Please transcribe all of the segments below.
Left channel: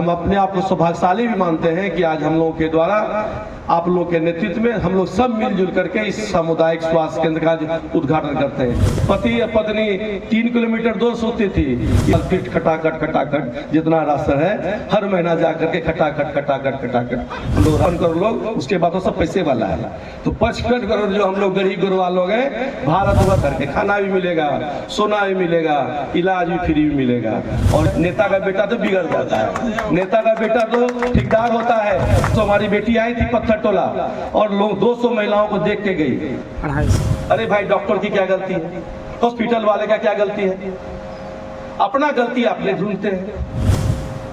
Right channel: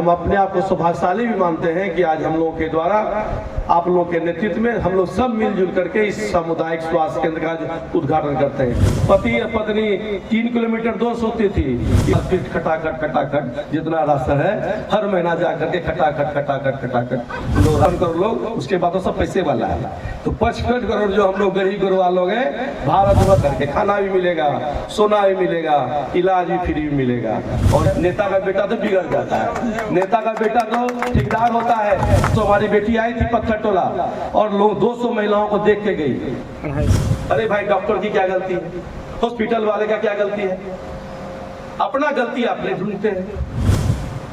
हम अपने आप को सौभाग्यशाली भी मानते हैं कि आज हम लोगों के द्वारा आप लोगों के नेतृत्व में हम लोग सब मिलजुल करके इस सामुदायिक स्वास्थ्य केंद्र का उद्घाटन करते हैं। पति और पत्नी 3 किलोमीटर दूर सोती थी, फिर खटाखट जितना रास्ता है हर महीना जा करके खटाखट हम करो लोग, उसके बाद तो सब पैसे वाला है। तो 55 करोड़ जो हम लोग गरीब गुरबा लोग हैं, भारत भर करके खाना भी मिलेगा, सोना भी मिलेगा, इलाज भी फ्री भी मिलेगा। और नेता का बेटा तो बिगड़ जाता है, नेता का बेटा तो ठेकेदार होता है। तो हमारी बेटी आई थी पत्थर टोला और लोग 200 महिलाओं को देख के गई। अरे भाई, डॉक्टर की क्या गलती है, हॉस्पिटल वाले का क्या गलती है? अपना गलती अपने ढूंढते हैं।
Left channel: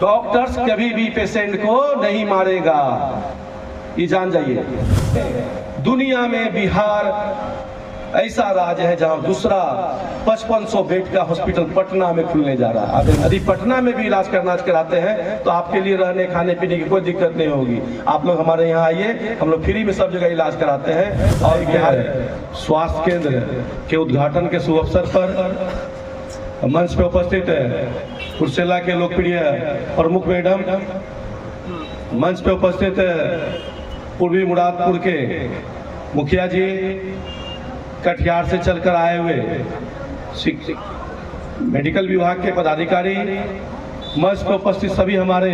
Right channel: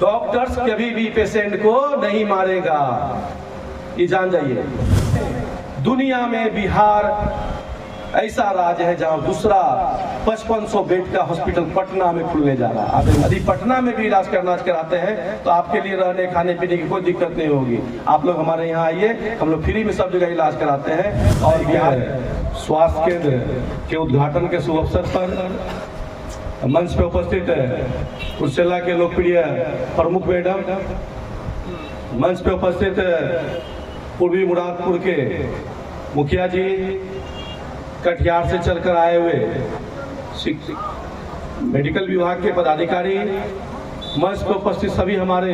डॉक्टर्स कभी भी पेशेंट को नहीं मारेगा, ये जान जाइए। दुनिया में बिहार ऐसा राज्य है जहां दूसरा 5500 बेड का हॉस्पिटल पटना में खुलने जा रहा है। यदि पटना में भी इलाज कराते हैं तो आपके लिए रहने खाने पीने की कोई दिक्कत नहीं होगी। आप लोग हमारे यहाँ आइए, हम लोग फ्री में सब जगह इलाज कराते हैं। और बिहार स्वास्थ्य केंद्र के उद्घाटन के शुभ अवसर पर मंच पे उपस्थित है कुर्सेला के लोकप्रिय प्रमुख मैडम, मंच पे उपस्थित पूर्वी मुरादपुर के मुखिया जी, कटिहार से चलकर आए हुए मेडिकल विभाग के पदाधिकारी, मंच पर उपस्थित सभी हमारे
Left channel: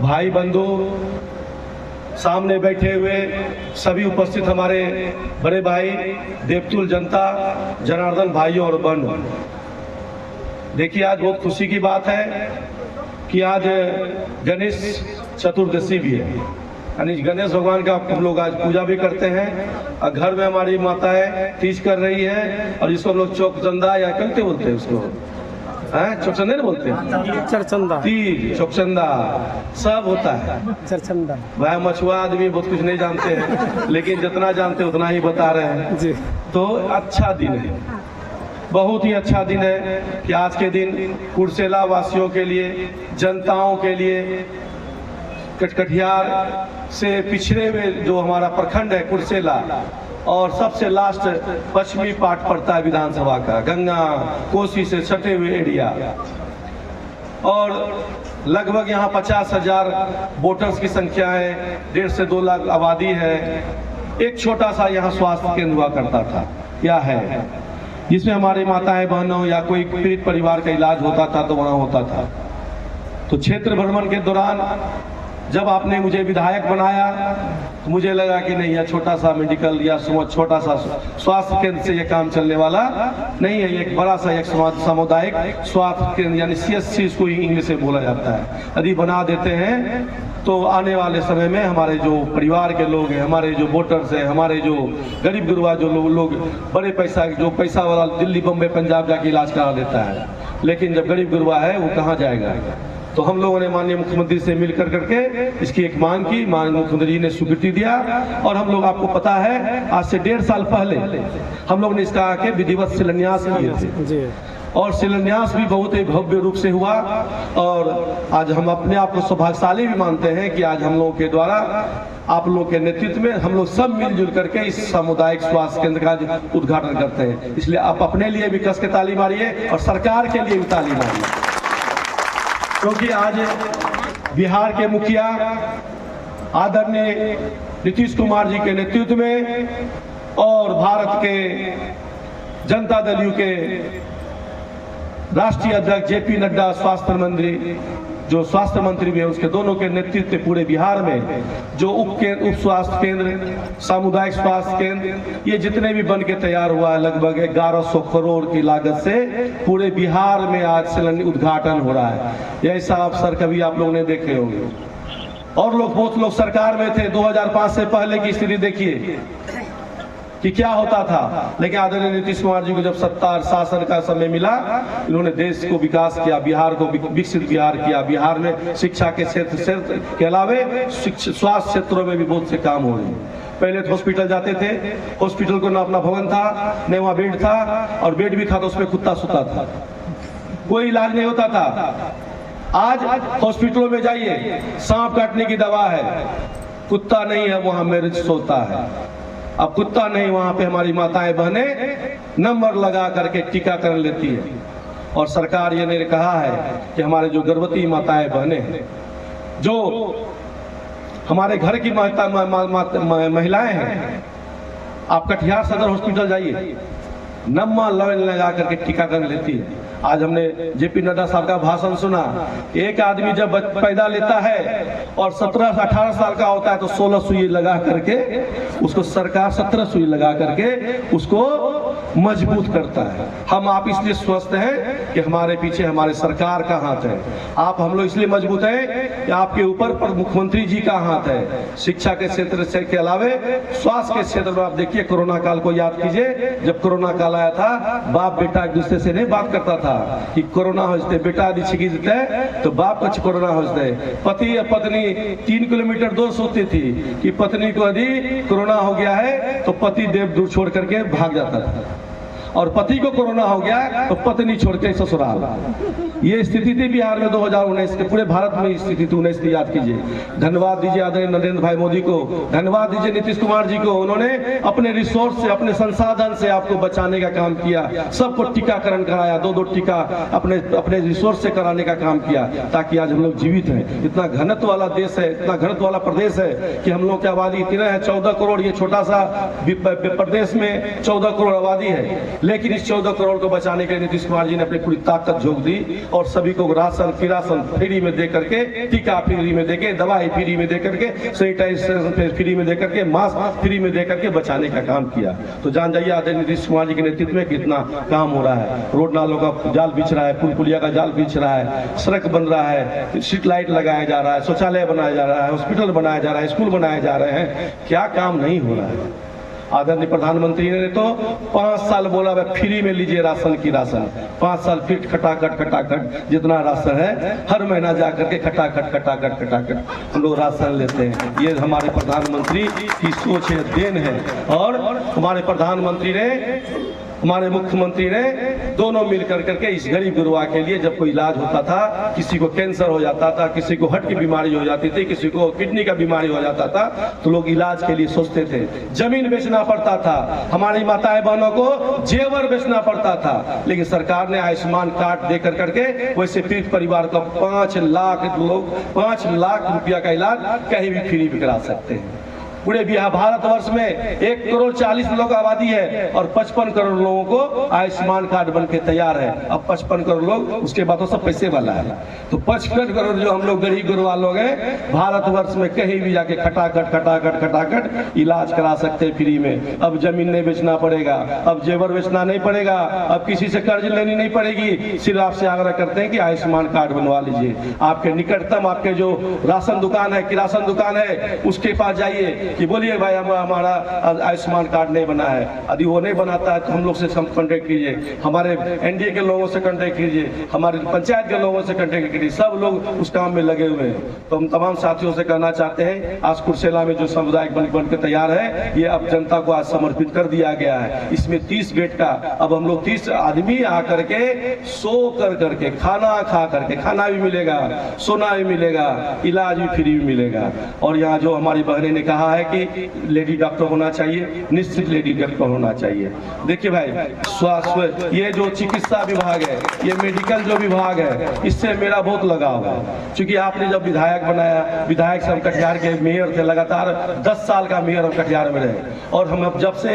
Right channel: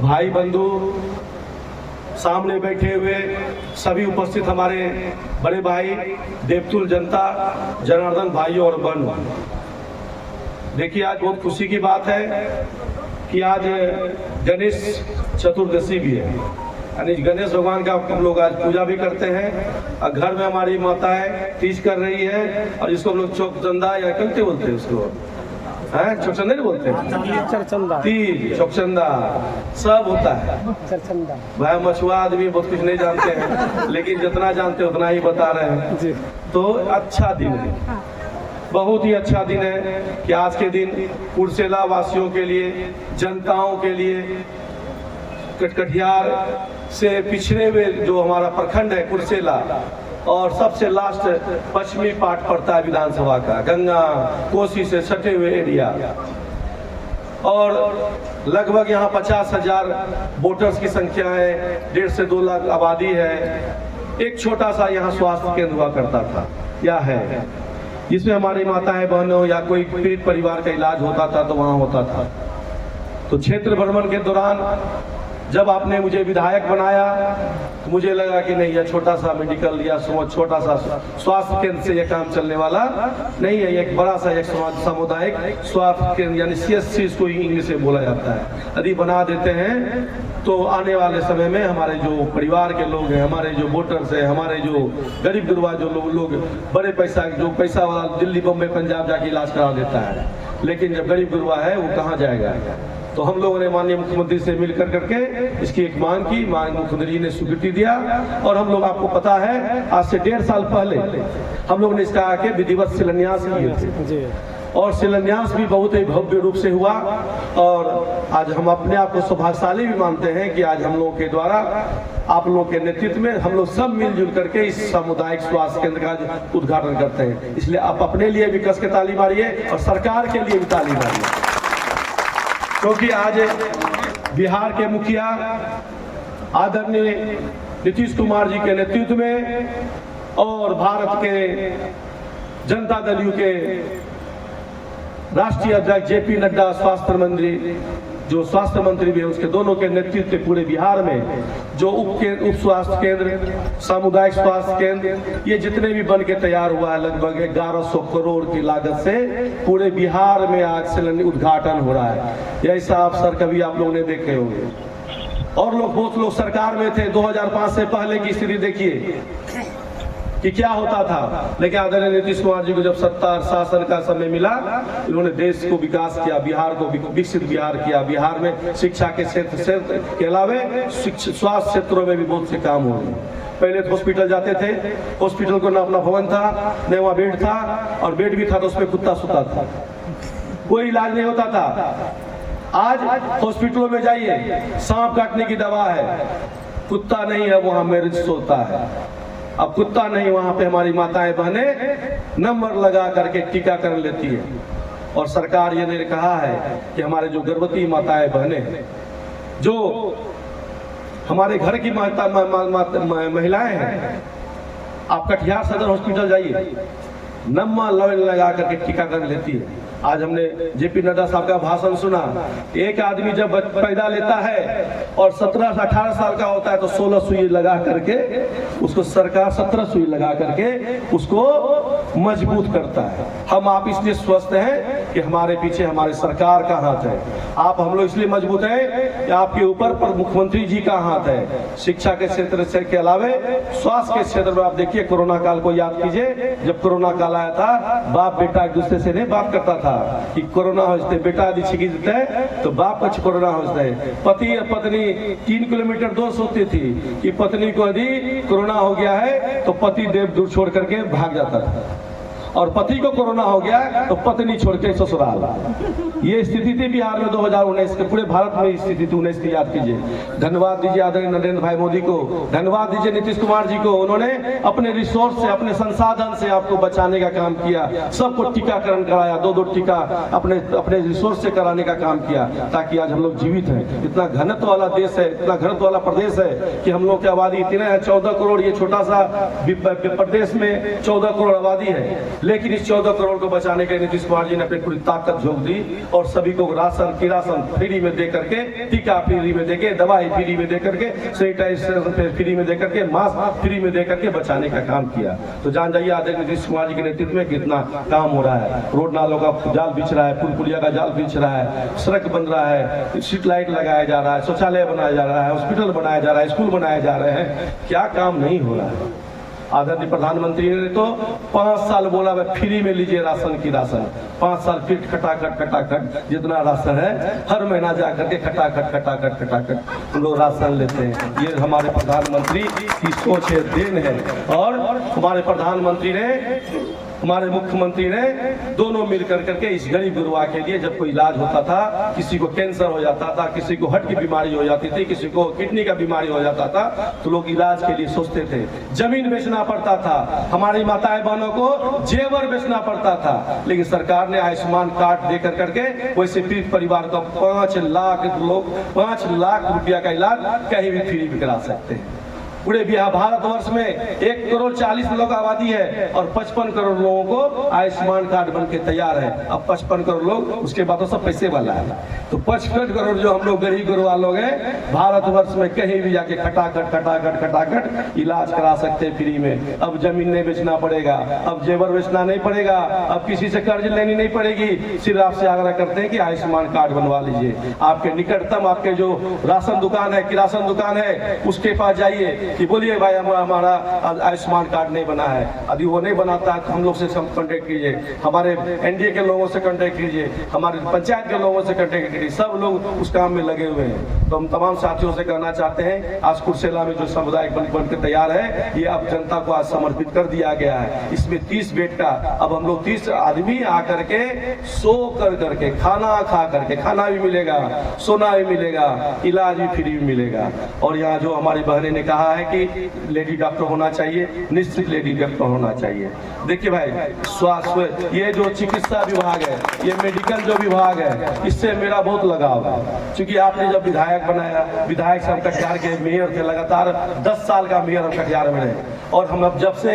भाई बंधु, सामने बैठे हुए सभी उपस्थित हमारे बड़े भाई, देवतुल जनता, जनार्दन भाइयों और बहनों। देखिए, आज बहुत खुशी की बात है कि आज गणेश चतुर्दशी भी है, यानी गणेश भगवान का हम लोग आज पूजा भी करते हैं। और घर में हमारी माताएं तीज कर रही है, और जिसको हम लोग चौकचंदा या कंते बोलते हैं, उसको चौकचंदा नहीं बोलते हैं, चरचंदा, तीज, चौकचंदा सब होता है। चरचंदा भाई, मछुआ आदमी बहुत कुछ नहीं जानते हैं, लेकिन जितना जानते हैं उतना ही बता रहे हैं जी। तो अच्छा दिन है, बहुत ही अच्छा दिन है कि आज के दिन कुर्सेला वासियों के लिए, जनताओं के लिए, कटिहार से पिछड़े हुए जो हमारा प्रखंड है कुर्सेला, और सबसे लास्ट पश्चिमी पार्ट पड़ता है विधानसभा का, गंगा कोसी से सटे हुए एरिया, और लगभग यहाँ 50,000 वोटर्स की संख्या है, 1.5 से 2 लाख आबादी है। एक छोटा सा यहाँ स्वास्थ्य केंद्र हुआ करता था, क्या है, जिसमें हमारे माताएं बहनों या कोई पीड़ित परिवार का इलाज होता था तो वहाँ होता था। तो क्षेत्र भ्रमण के दौरान जब आपने मुझे विधायक बनाया तो मुझे लगा कि नहीं, यह छोटा सा मेडिकल या छोटा सा स्वास्थ्य केंद्र से यह काम चलने वाला नहीं है। एक बड़ा सा एक सामुदायिक स्वास्थ्य केंद्र यानी CSC इसको इंग्लिश में बोला जाता है, यदि बना देते हैं तो आने वाले समय में हमारे जो परिवार के लोग हैं, हमारे जो वोटर्स हैं, हमारे जो गरीब गुरबा जो लोग बड़े पैसा वाला दिल्ली बम्बई पंजाब जाके इलाज करा देता है, लेकिन जब गरीब गुरबा है वो कहाँ जाएगा। तो हम लोगों ने माननीय मुख्यमंत्री से मिलकर करके इसकी एक मांग की, माननीय मुख्यमंत्री जी ने स्वीकृति दिया, और हम लोग, आपको पता है, आज से 1.5 साल पहले हम लोग ने इसका आके विधिवत शिलान्यास किए थे, और शिलान्यास भी बहुत ही भव्य रूप से हुआ। और आज हम अपने आप को सौभाग्यशाली भी मानते हैं कि आज हम लोगों के द्वारा आप लोगों के नेतृत्व में हम लोग सब मिलजुल करके इस सामुदायिक स्वास्थ्य केंद्र का उद्घाटन करते हैं। इसलिए आप अपने लिए भी कस के ताली मारिए और सरकार के लिए भी ताली मारिए, क्योंकि आज बिहार के मुखिया आदरणीय नीतीश कुमार जी के नेतृत्व में और भारत के जनता दल यू के राष्ट्रीय अध्यक्ष JP नड्डा, जो स्वास्थ्य मंत्री भी है, उसके दोनों के नेतृत्व में पूरे बिहार में जो उप स्वास्थ्य केंद्र, सामुदायिक स्वास्थ्य केंद्र, ये जितने भी बन के तैयार हुआ है, लगभग 1100 करोड़ की लागत से पूरे बिहार में आज उद्घाटन हो रहा है। ऐसा अवसर कभी आप लोग ने देखे होंगे, और बहुत लोग सरकार में थे। 2005 से पहले की स्थिति देखिए कि क्या होता था, लेकिन आदरणीय नीतीश कुमार जी को जब सत्ता शासन का समय मिला, इन्होंने देश को विकास किया, बिहार को विकसित बिहार किया। बिहार में शिक्षा के क्षेत्र के अलावे स्वास्थ्य क्षेत्रों में भी बहुत से काम हो रहे हैं। पहले तो हॉस्पिटल जाते थे, हॉस्पिटल को न अपना भवन था, न वहाँ बेड था, और बेड भी था तो उसमें कुत्ता सोता था, कोई इलाज नहीं होता था। आज हॉस्पिटलों में जाइए, सांप काटने की दवा है, कुत्ता नहीं है वहाँ मरीज सोता है। अब कुत्ता नहीं, वहाँ पे हमारी माताएं बहनें नंबर लगा करके टीकाकरण लेती है। और सरकार ये ने कहा है कि हमारे जो गर्भवती माताएं बहनें हैं, जो हमारे घर की महिलाएं हैं, आप कटिहार सदर हॉस्पिटल जाइए, नम्मा लाइन लगा करके टीकाकरण लेती है। आज हमने जेपी नड्डा साहब का भाषण सुना। एक आदमी जब पैदा लेता है और 17-18 साल का होता है तो 16 सुई लगा करके उसको सरकार 17 सुई लगा करके उसको मजबूत करता है। हम आप इसलिए स्वस्थ हैं कि हमारे पीछे हमारे सरकार का हाथ है। आप हम लोग इसलिए मजबूत हैं कि आपके ऊपर मुख्यमंत्री जी का हाथ है। शिक्षा के क्षेत्र से के अलावे स्वास्थ्य के क्षेत्र में आप देखिए, कोरोना काल को याद कीजिए। जब कोरोना काल आया था, बाप बेटा एक दूसरे से नहीं बात करता था कि कोरोना होते बेटा यदि छिकी देते तो बाप का कोरोना होते। पति या पत्नी 3 किलोमीटर दूर सोती थी कि पत्नी को यदि कोरोना हो गया है तो पति देव दूर छोड़ करके भाग जाता था, और पति को कोरोना हो गया तो पत्नी छोड़ के ससुराल। ये स्थिति थी बिहार में 2019 के, पूरे भारत में स्थिति थी 19 की याद कीजिए। धन्यवाद दीजिए आदरणीय नरेंद्र भाई मोदी को, धन्यवाद दीजिए नीतीश कुमार जी को। उन्होंने अपने रिसोर्स से, अपने संसाधन से आपको बचाने का काम किया। सबको टीकाकरण कराया, 2-2 टीका अपने रिसोर्स से कराने का काम किया, ताकि आज हम लोग जीवित हैं। इतना घनत्व वाला देश है, इतना घनत्व वाला प्रदेश है कि हम लोग की आबादी इतने है 14 करोड़। ये छोटा सा प्रदेश में 14 करोड़ आबादी है, लेकिन इस 14 करोड़ को बचाने के लिए नीतीश कुमार जी ने अपनी पूरी ताकत झोंक दी और सभी को राशन किरासन फ्री में दे करके, टीका फ्री में देके, दवाई फ्री में दे करके, सैनिटाइजेशन फ्री में दे करके, मास्क फ्री में दे करके बचाने का काम किया। तो जान जाइए आदरणीय नीतीश कुमार जी के नेतृत्व में कितना काम हो रहा है। रोड नालों का जाल बिछ रहा है, पुल पुलिया का जाल बिछ रहा है, सड़क बन रहा है, स्ट्रीट लाइट लगाया जा रहा है, शौचालय बनाया जा रहा है, हॉस्पिटल बनाया जा रहा है, स्कूल बनाए जा रहे हैं। क्या काम नहीं हो रहा है। आदरणीय प्रधानमंत्री ने तो 5 साल बोला फ्री में लीजिए राशन की राशन। 5 साल फिर खटाखट जितना राशन है हर महीना जाकर के खटाखट हम लोग राशन लेते हैं। ये हमारे प्रधानमंत्री की सोच है, देन है। और हमारे प्रधानमंत्री ने, हमारे मुख्यमंत्री ने दोनों मिल करके इस गरीब गुरुआ के लिए, जब कोई इलाज होता था, किसी को कैंसर हो जाता था, किसी को हार्ट की बीमारी हो जाती थी, किसी को किडनी का बीमारी हो जाता था, तो लोग इलाज के लिए सोचते थे। जमीन बेचना पड़ता था, हमारी माताएं बहनों को जेवर बेचना पड़ता था, लेकिन सरकार ने आयुष्मान कार्ड दे करके वैसे पीड़ित परिवार को 5 लाख रुपया का इलाज कहीं भी फ्री भी करा सकते हैं। पूरे बिहार भारतवर्ष में 1 करोड़ 40 लोग आबादी है और 55 करोड़ लोगों को आयुष्मान कार्ड बन के तैयार है। अब 55 करोड़ लोग, उसके बाद तो सब पैसे वाला है। तो 55 करोड़ जो हम लोग गरीब गुरुआ लोग हैं, भारतवर्ष में कहीं भी जाके खटाखट इलाज करा सकते हैं फ्री में। अब जमीन नहीं बेचना पड़ेगा, अब जेवर बेचना नहीं पड़ेगा, अब किसी से कर्ज लेनी नहीं पड़ेगी। सिर्फ आपसे आग्रह करते हैं कि आयुष्मान कार्ड बनवा लीजिए। आपके निकटतम, आपके जो राशन दुकान है, किरासन दुकान है, उसके पास जाइए कि बोलिए भाई हमारा आयुष्मान कार्ड नहीं बना है। यदि वो नहीं बनाता है तो हम लोग से कांटेक्ट कीजिए, हमारे एनडीए के लोगों से कांटेक्ट कीजिए, हमारे पंचायत के लोगों से कांटेक्ट कीजिए। सब लोग उस काम में लगे हुए हैं। तो हम तमाम साथियों से कहना चाहते हैं, आज कुर्सेला में जो सामुदायिक बन के तैयार है, ये अब जनता को आज समर्पित कर दिया गया है। इसमें 30 बेड का, अब हम लोग 30 आदमी आकर के सो करके, खाना खा करके, खाना भी मिलेगा, सोना भी मिलेगा, इलाज भी फ्री मिलेगा। और यहाँ जो हमारी बहनें ने कहा है कि लेडी डॉक्टर होना चाहिए, निश्चित लेडी डॉक्टर होना चाहिए। देखिए भाई, स्वास्थ्य, ये जो चिकित्सा विभाग है, ये मेडिकल जो विभाग है, इससे मेरा बहुत लगाव है। क्योंकि आपने जब विधायक बनाया, विधायक से हम कटिहार के मेयर थे, लगातार 10 साल का मेयर हम कटिहार में रहे। और हम अब जब से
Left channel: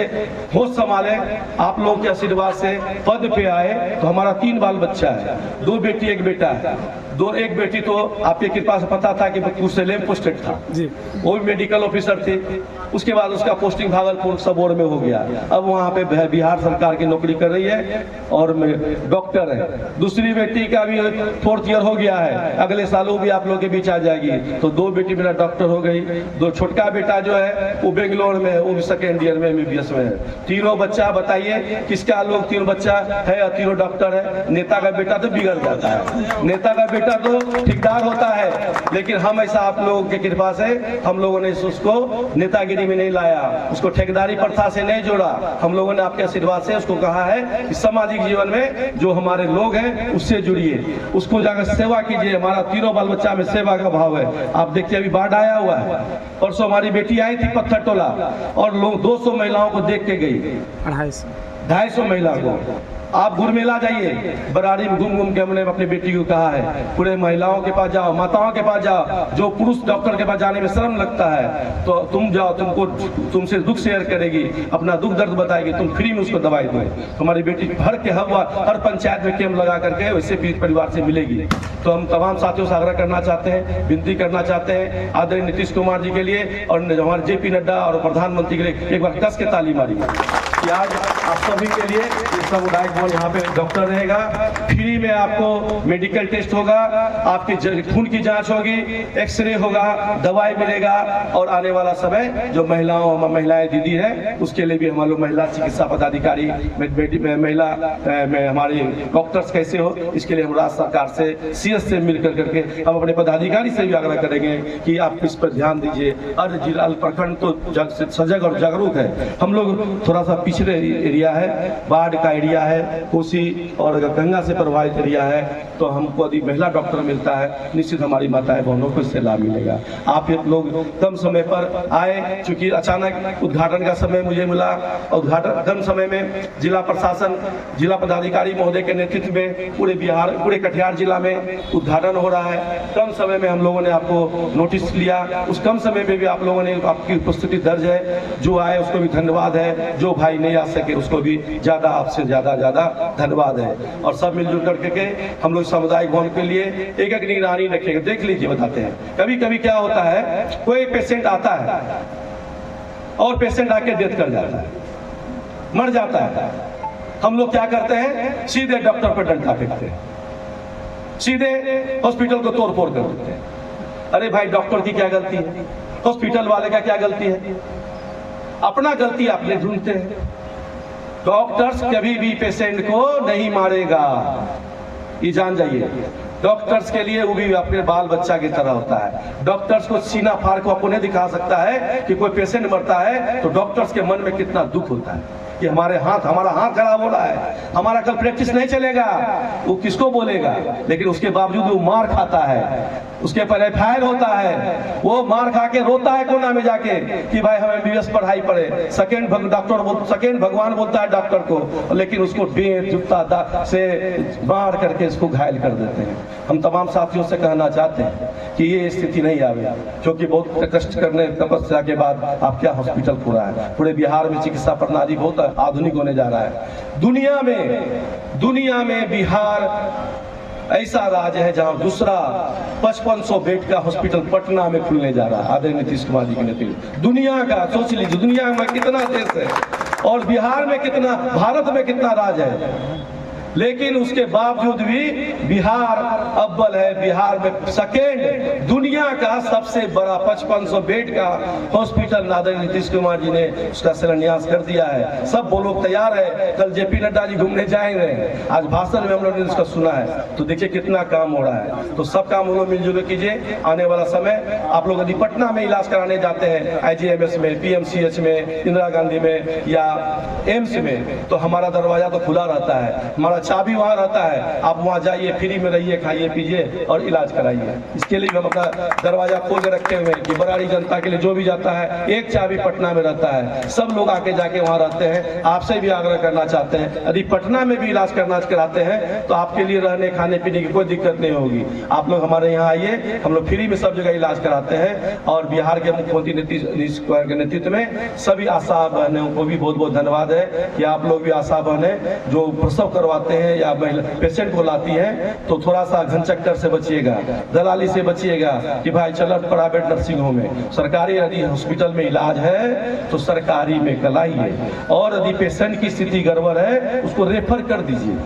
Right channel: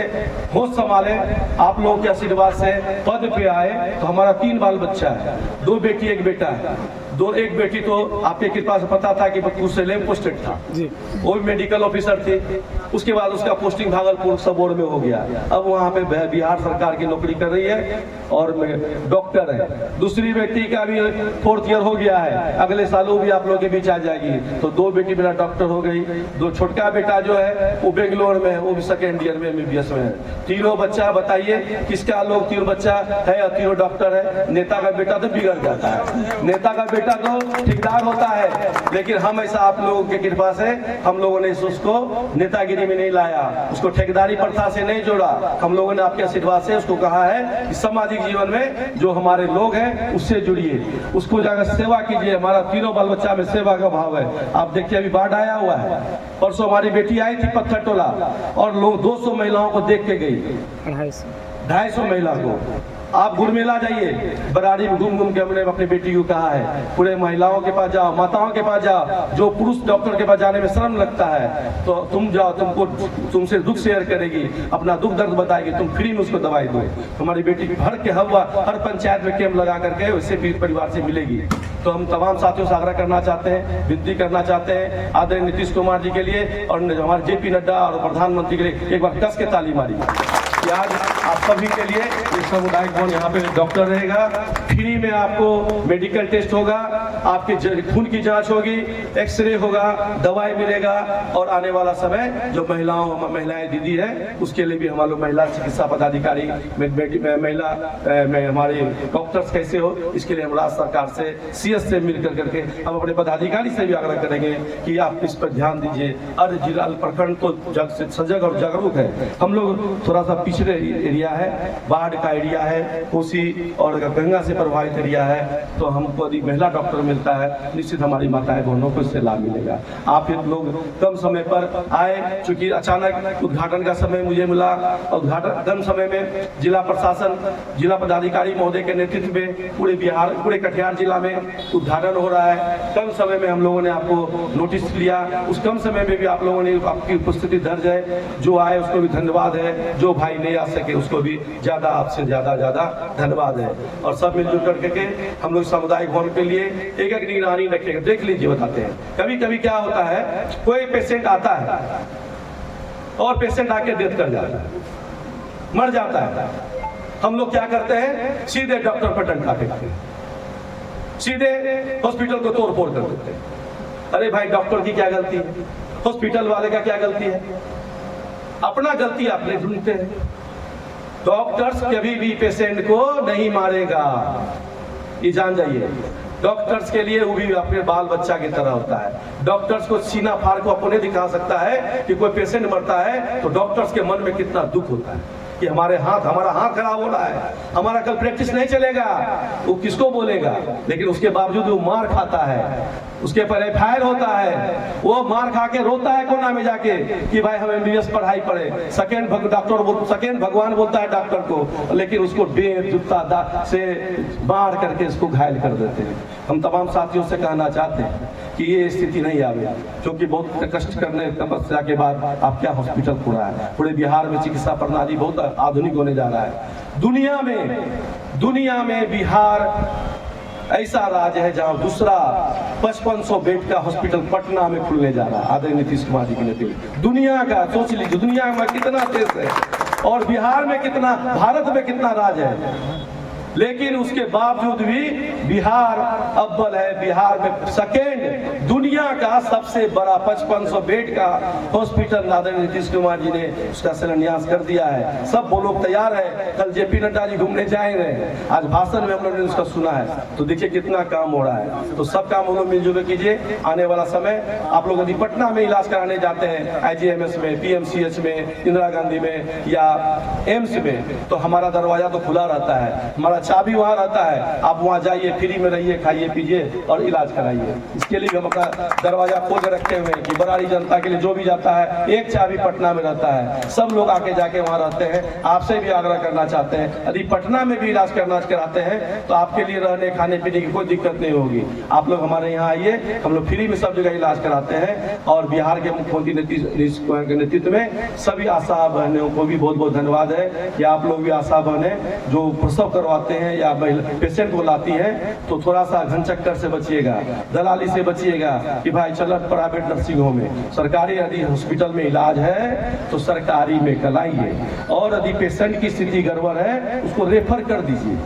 होश संभाले, आप लोगों के आशीर्वाद से पद पे आए, तो हमारा 3 बाल बच्चा है, 2 बेटी 1 बेटा है। एक बेटी तो आपकी कृपा से पता था कि कुर्सेला में पोस्टेड था जी, वो भी मेडिकल ऑफिसर थे। उसके बाद उसका पोस्टिंग भागलपुर सबोर में हो गया। अब वहाँ पे बिहार सरकार की नौकरी कर रही है और डॉक्टर है। दूसरी बेटी का भी 4th ईयर हो गया है, अगले साल वो भी आप लोगों के बीच आ जाएगी। तो 2 बेटी मेरा डॉक्टर हो गई। 2 छोटका बेटा जो है वो बेंगलोर में है, वो भी 2nd ईयर में MBBS में है। 3 बच्चा, बताइए किसका लोग 3 बच्चा है और 3 डॉक्टर है। नेता का बेटा तो बिगड़ जाता है, नेता का बेटा तो ठेकेदार होता है, लेकिन हम ऐसा आप लोगों की कृपा से हम लोगों ने उसको नेतागिरी में नहीं लाया, उसको ठेकेदारी प्रथा से नहीं जोड़ा। हम लोगों ने आपके आशीर्वाद से उसको कहा है कि सामाजिक जीवन में जो हमारे लोग हैं उससे जुड़िए, उसको जाकर सेवा कीजिए। हमारा 3 बाल बच्चा में सेवा का भाव है। आप देखिए अभी बाढ़ आया हुआ है, परसों हमारी बेटी आई थी पत्थर टोला और लोग 200 महिलाओं को देख के गई, 250 महिला को। आप गुरमेला जाइए, बरारी में घूम के हमने अपनी बेटी को कहा है, पूरे महिलाओं के पास जाओ, माताओं के पास जाओ, जो पुरुष डॉक्टर के पास जाने में शर्म लगता है तो तुम जाओ, तुमसे दुख शेयर करेगी, अपना दुख दर्द बताएगी, तुम फ्री में उसको दवाई दो। तुम्हारी बेटी हर पंचायत में कैंप लगा करके वैसे भी परिवार से मिलेगी। तो हम तमाम साथियों से आग्रह करना चाहते हैं, विनती करना चाहते हैं आदरणीय नीतीश कुमार जी के लिए और हमारे JP नड्डा और प्रधानमंत्री के लिए एक बार कस के ताली मारिए कि आज आप सभी के लिए इस सामुदायिक भवन यहाँ पे डॉक्टर रहेगा, फ्री में आपको मेडिकल टेस्ट होगा, आपके खून की जांच होगी, एक्सरे होगा, दवाई मिलेगा और आने वाला समय जो महिलाएं दीदी है उसके लिए भी हम लोग महिला चिकित्सा पदाधिकारी महिला हमारे डॉक्टर्स कैसे हो, इसके लिए हम राज्य सरकार से CS से मिलकर करके हम अपने पदाधिकारी से भी आग्रह करेंगे कि आप इस पर ध्यान दीजिए। और जिला प्रखंड तो सजग और जागरूक है, हम लोग थोड़ा सा पिछड़े एरिया है, बाढ़ का एरिया है, कोसी और गंगा से प्रभावित एरिया है, तो हमको यदि महिला डॉक्टर मिलता है निश्चित हमारी माताएं बहनों को इससे लाभ मिलेगा। आप लोग कम समय पर आए, चूंकि अचानक उद्घाटन का समय मुझे मिला, उद्घाटन कम समय में जिला प्रशासन जिला पदाधिकारी महोदय के नेतृत्व में पूरे कटिहार जिला में उद्घाटन हो रहा है। कम समय में हम लोगों ने आपको नोटिस लिया, उस कम समय में भी आप लोगों ने आपकी उपस्थिति दर्ज है, जो आए उसको भी धन्यवाद है, जो भाई नहीं आ सके उसको भी आपसे ज्यादा धन्यवाद है। और सब मिलजुल करके हम लोग सामुदायिक भवन के लिए एक निगरानी रखेंगे। देख लीजिए, बताते हैं कभी कभी क्या होता है, कोई पेशेंट आता है और पेशेंट आके डेथ कर जाता है, मर जाता है, हम लोग क्या करते हैं, सीधे डॉक्टर पर डंडा फेंकते हैं, सीधे हॉस्पिटल को तोड़ फोड़ कर देते हैं। अरे भाई, डॉक्टर की क्या गलती है, हॉस्पिटल वाले का क्या गलती है, अपना गलती आपने ढूंढते हैं। डॉक्टर्स कभी भी पेशेंट को नहीं मारेगा, ये जान जाइए। डॉक्टर्स के लिए वो भी अपने बाल बच्चा की तरह होता है। डॉक्टर्स को सीना फाड़ को अपने दिखा सकता है कि कोई पेशेंट मरता है तो डॉक्टर्स के मन में कितना दुख होता है कि हमारा हाथ खराब हो रहा है, हमारा कल प्रैक्टिस नहीं चलेगा, वो किसको बोलेगा। लेकिन उसके बावजूद वो मार खाता है, उसके पर FIR होता है, वो मार खा के रोता है कोना में जाके कि भाई हम MBBS पढ़ाई पढ़े। सेकेंड भगवान बोलता है डॉक्टर को, लेकिन उसको जूता से मार करके इसको घायल कर देते हैं। हम तमाम साथियों से कहना चाहते हैं कि ये स्थिति नहीं आवे, क्योंकि बहुत कष्ट करने तपस्या के बाद आप क्या हॉस्पिटल खुला है। पूरे बिहार में चिकित्सा प्रणाली बहुत आधुनिक होने जा रहा है। दुनिया में बिहार ऐसा राज्य है जहां दूसरा 5500 बेड का हॉस्पिटल पटना में खुलने जा रहा है आदरणीय नीतीश कुमार जी के नेतृत्व। दुनिया का सोच लीजिए, दुनिया में कितना देश है और बिहार में कितना, भारत में कितना राज्य है, लेकिन उसके बावजूद भी बिहार अव्वल है। बिहार में सेकेंड, दुनिया का सबसे बड़ा 5500 बेड का हॉस्पिटल आदरणीय नीतीश कुमार जी ने उसका शिलान्यास कर दिया है। सब वो लोग तैयार है, कल JP नड्डा जी घूमने जाएंगे, आज भाषण में हम लोगों ने उसका सुना है। तो देखिए कितना काम हो रहा है। तो सब काम हम लोग मिलजुल कीजिए। आने वाला समय आप लोग यदि पटना में इलाज कराने जाते हैं, IGMS में, PMCH में, इंदिरा गांधी में या एम्स में, तो हमारा दरवाजा तो खुला रहता है, हमारा चाबी वहां रहता है। आप वहां जाइए, फ्री में रहिए, खाइए पीजिए और इलाज कराइए। इसके लिए हम अपना दरवाजा खोल के रखे हुए हैं कि बरारी जनता के लिए जो भी जाता है एक चाबी पटना में रहता है, सब लोग आके जाके वहां रहते हैं। आपसे भी आग्रह करना चाहते हैं, यदि पटना में भी इलाज कराते हैं तो आपके लिए रहने खाने पीने की कोई दिक्कत नहीं होगी। आप लोग हमारे यहाँ आइए, हम लोग फ्री में सब जगह इलाज कराते हैं। और बिहार के मुख्यमंत्री नीतीश कुमार के नेतृत्व में सभी आशा बहनों को भी बहुत बहुत धन्यवाद है कि आप लोग भी आशा बहनें जो प्रसव करवाते हैं या महिला पेशेंट को लाती है तो थोड़ा सा घन चक्कर से बचिएगा, दलाली से बचिएगा कि भाई चलो प्राइवेट नर्सिंग होम में, सरकारी यदि हॉस्पिटल में इलाज है तो सरकारी में कराइए। और यदि पेशेंट की स्थिति गड़बड़ है उसको रेफर कर दीजिए,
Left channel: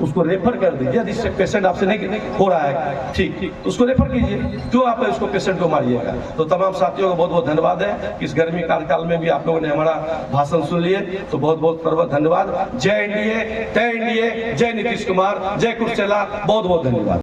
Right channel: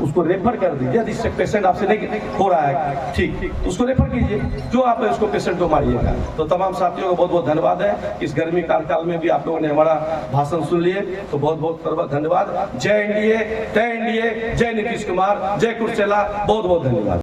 उसको रेफर कर दीजिए। यदि पेशेंट आपसे नहीं हो रहा है ठीक, तो उसको रेफर कीजिए, क्यों आप उसको पेशेंट को मारिएगा। तो तमाम साथियों को बहुत बहुत धन्यवाद है कि इस गर्मी कार्यकाल में भी आप लोगों ने हमारा भाषण सुन लिए, तो बहुत बहुत धन्यवाद। जय NDA, जय NDA, जय नीतीश कुमार, जय कुर्सेला, बहुत बहुत धन्यवाद।